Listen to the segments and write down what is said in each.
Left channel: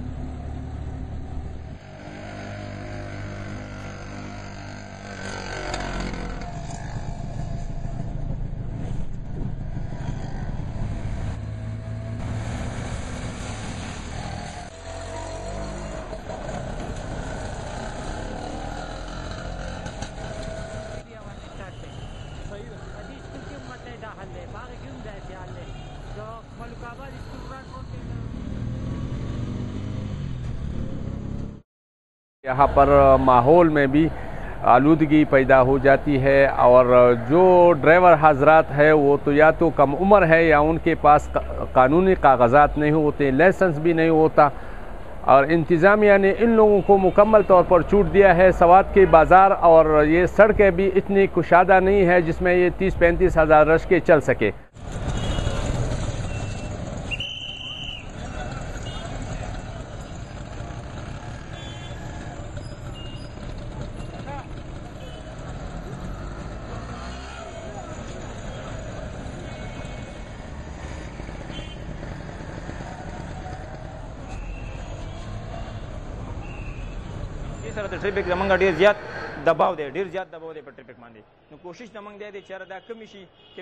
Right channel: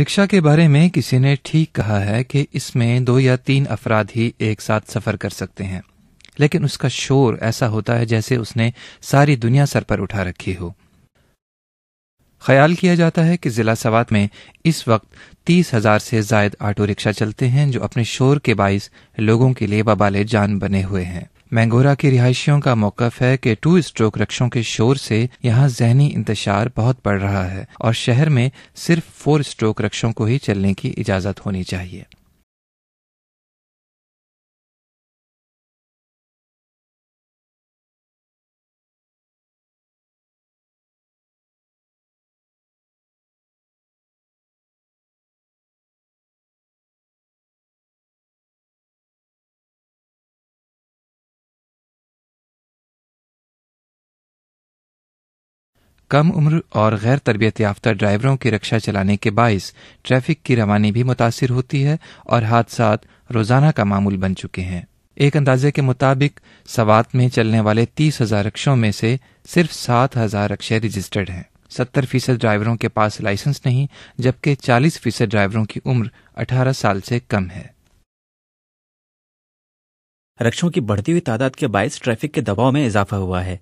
Rickshaw के बारे में किसी ने ठीक कहा है कि इसमें 2 या 3 अफराद ही एक साथ सफ़र कर सकते हैं, लेकिन उसका शोर ऐसा होता है जैसे उसने सारी दुनिया सर पर उठा रखी हो। ख्याल किया जाता है कि ज़िला सवात में इस वक्त 30,000 से ज़ायद ऑटो रिक्शा चलते हैं, जो अपने शोर के बाइस लोगों के लिए वबाले जान बने हुए हैं। मैंगोरा के रिहायशियों का मौक़िफ़ है कि 2 स्ट्रोक रिक्शों के शोर से यहाँ ज़हनी इंतशार बहुत बढ़ रहा है और शहर में सिर्फ 4 स्ट्रोक रिक्शों को ही चलने की इजाज़त होनी चाहिए। यहाँ पर माहौल में भी आलूदगी पैदा हो जाती है और जो ड्राइवर हजरात है वो तो या तो कम उम्र है या उनके पास कानूनी कागजात नहीं होते, लाइसेंस भी नहीं होता, और इंतज़ामिया ने इन लोगों को मुकम्मल तौर पर छूट दिया है। सवात के बाज़ार और ये सड़कें भी इतनी कुशादा नहीं है जिसमें ये 30-35 हज़ार रश्के चल सके। कम उम्र और गैर तरबियत याफ्ता ड्राइवरों की रिक्शा चलाने के बाइस ट्रैफिक की रवानी भी मुतासिर होती है और हादसात रोज़ाना का मामूल बन चुके हैं। एक अंदाजे के मुताबिक सवात में चलने वाले 30,000 रिक्शों में से सिर्फ 7,000 रिक्शे रजिस्टर्ड हैं। 70% ड्राइवरों के पास लाइसेंस नहीं, जबकि 40% ड्राइवरों की उम्र 18 साल से कम है। रिक्शों की बढ़ती हुई तादाद के बायस ट्रैफिक के दबाव में इजाफा हुआ है।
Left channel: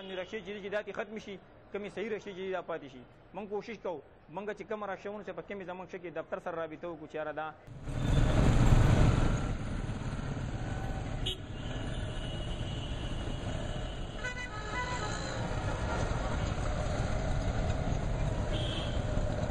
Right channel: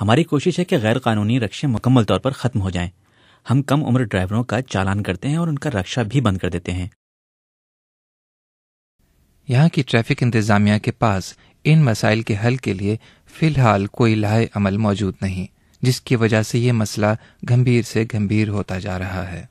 हमारी कोशिश है कि गैर कानूनी रिक्शे मुकम्मल तौर पर ख़त्म हो जाएं। हम कम उम्र ड्राइवरों का चालान करते हैं और उनका रिक्शा भी बंद कर देते हैं। यहाँ की ट्रैफिक इंतज़ामिया के पास इन मसाइल के हल के लिए फ़िलहाल कोई लाहे अमल मौजूद नहीं, जिसकी वजह से ये मसला गंभीर से गंभीर होता जा रहा है।